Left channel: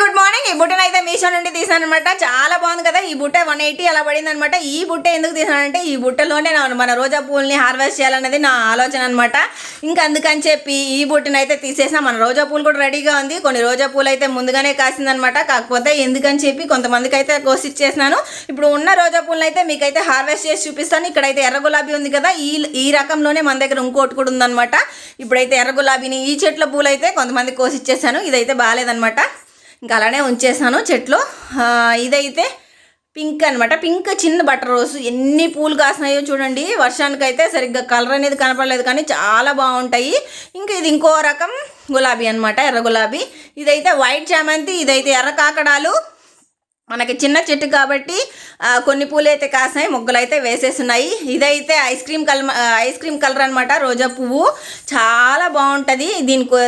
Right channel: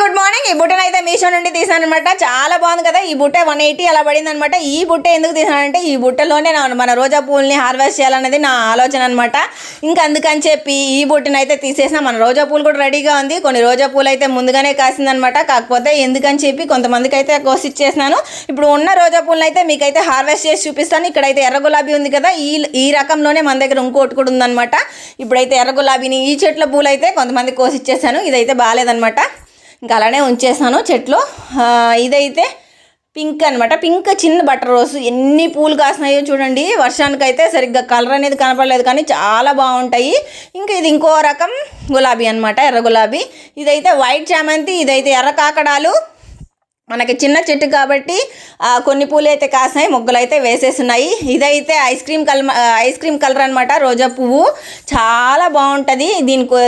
Good morning. ఈ బుట్టను అయితే మీషో నుండి తీసాను అనమాట. చాలా బాగుంది కదా. ఈ బుట్ట 180 అలా పడింది అనమాట. ఈ బుట్ట ఎందుకు తీసానంటే ఈ బుట్టలోనే మన రోజా పూలని హార్వెస్ట్ చేయాలనేది నా ఆలోచన అనమాట. ఇంకా అందుకని చెప్పి ఈ బుట్టను అయితే తీసేసిన. మన రోజా పూలు కూడా రెడీగా ఉంది. కొన్ని రోజా పూలు అయితే ముందుగానే కాసిందనమాట. కాకపోతే ఎందుకని చెప్పి కొంతమందికి అయితే కోసిచ్చేసినాను. ఇప్పుడు ఉన్న రోజా పూలను అయితే మీకైతే హార్వెస్ట్ చేసి చూపిస్తాను. ఇక్కడైతే ఎర్ర గులాబీ ఉంది కదా, ఈ రకంలోనే మన దగ్గర ఇంకోటి కూడా ఉందనమాట. ఇప్పుడైతే ఎర్ర గులాబీని ఈ చెట్ల పూలు అయితే కొంతమంది కోసిచ్చేసాను. ఇదైతే బాగాలేదనమాట, ఇంకా అలానే ఉంచేసాను చెట్లు. ఇదైతే పింక్ అనమాట. పింక్ చిన్న బటర్ రోజ్. ఎన్ని పూలు కాసినాయో చూడండి. వర్షానికైతే సరిగ్గా కలర్ అనేది కనపడలేదు, కానీ చాలా బాగుంటాయి. ఇంకా ఇది ఇంకో రకం గులాబీ అనమాట, ఎర్ర గులాబీ. ఇదైతే వైట్ చామంతి, ఇదైతే ఎర్ర కాకడాలు. మనకి చిన్న చెట్టు కాబట్టి కొన్ని పూలు అయితే కాసినాయి, మొగ్గలు అయితే వేసేస్తున్నాయి. ఇదైతే ఐస్ క్రీమ్ కలర్ అనమాట, రోజా పువ్వు. చాలా బాగుంటుంది.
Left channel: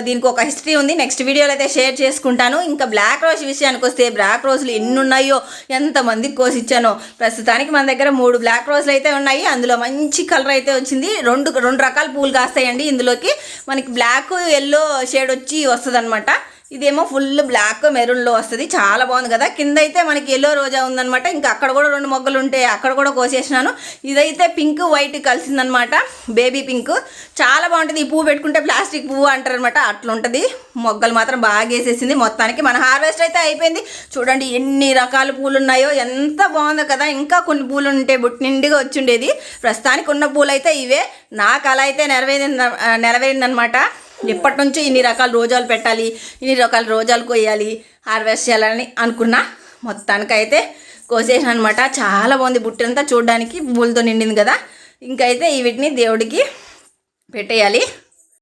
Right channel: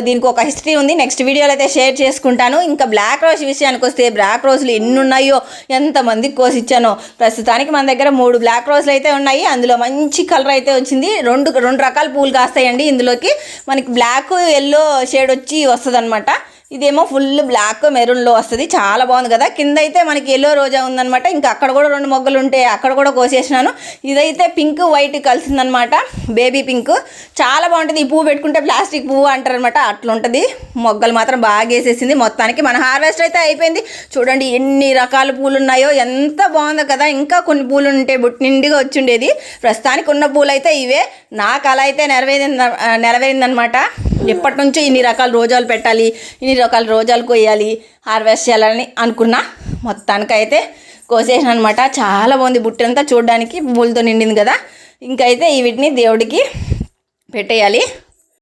దీనికి ఒక హిస్టరీ ఉంది, నెక్స్ట్ వీడియోలో అయితే షేర్ చేసుకుంటాను. ఇంకా బ్లాక్ రోజ్ విషయానికి వస్తే బ్లాక్ రోజులు ఎన్ని ఉన్నాయో, ఎంతమందికి కోసిచ్చానో. ప్రస్తుతానికి మన దగ్గర 3 బ్లాక్ రోజులు అయితే ఉన్నాయి. అందులో మంచి కలర్ అయితే వచ్చింది. రెండు రకాల పూలు కాస్తాయండి ఇందులోకి. మనకి బ్లాక్ ఎల్లో షేడ్ వచ్చి వస్తుంది అనమాట. ఇదేమో ఫుల్ బ్లాక్ మెరూన్లో వస్తుంది. చాలా బాగుంది కదా. కింద అయితే మనకి ఎల్లో రోజా ఉందనమాట. ఇంకా అక్కడ కూడా 2 మొగ్గలు ఉంటే అక్కడ కూడా కోసేసినాను. ఇదైతే పింక్ వైట్ కలిసిందనమాట, బేబీ పింక్. చాలా బాగుంటుంది. ఈ పువ్వు పెట్టుకుంటే ప్లాస్టిక్ పువ్వు అంటారనమాట, అట్లా ఉంటుంది. మొగ్గలు మాత్రం బాగా వేసేసింది. మొత్తానికి మన హార్వెస్ట్ అయితే అయిపోయింది. చూడండి ఎన్ని రకాల పూలు ఉన్నాయో, ఎంత బాగుందో కదా. ఇంకా కొన్ని పూలు ఉంటే బుట్టి నిండిగా వచ్చిండేది. ప్రస్తుతానికి ఉన్న పూలు అయితే ఇవే. నాకు అలా అయితే నెరవేరిందనమాట. ఎప్పటి నుంచో ఇన్ని రకాల రోజాలు పెట్టాలి, ఇన్ని రకాల రోజాలు కొయ్యాలి, హార్వెస్ట్ చేయాలని అనుకున్నా. మొత్తానికైతే కోసేసాను అనమాట. చాలా బాగుంది బుట్ట అంతా, చూడడానికి పూలతో నిండింది కదా. ఇంకైతే వీటిని దేవుడికి పెట్టేయాలి.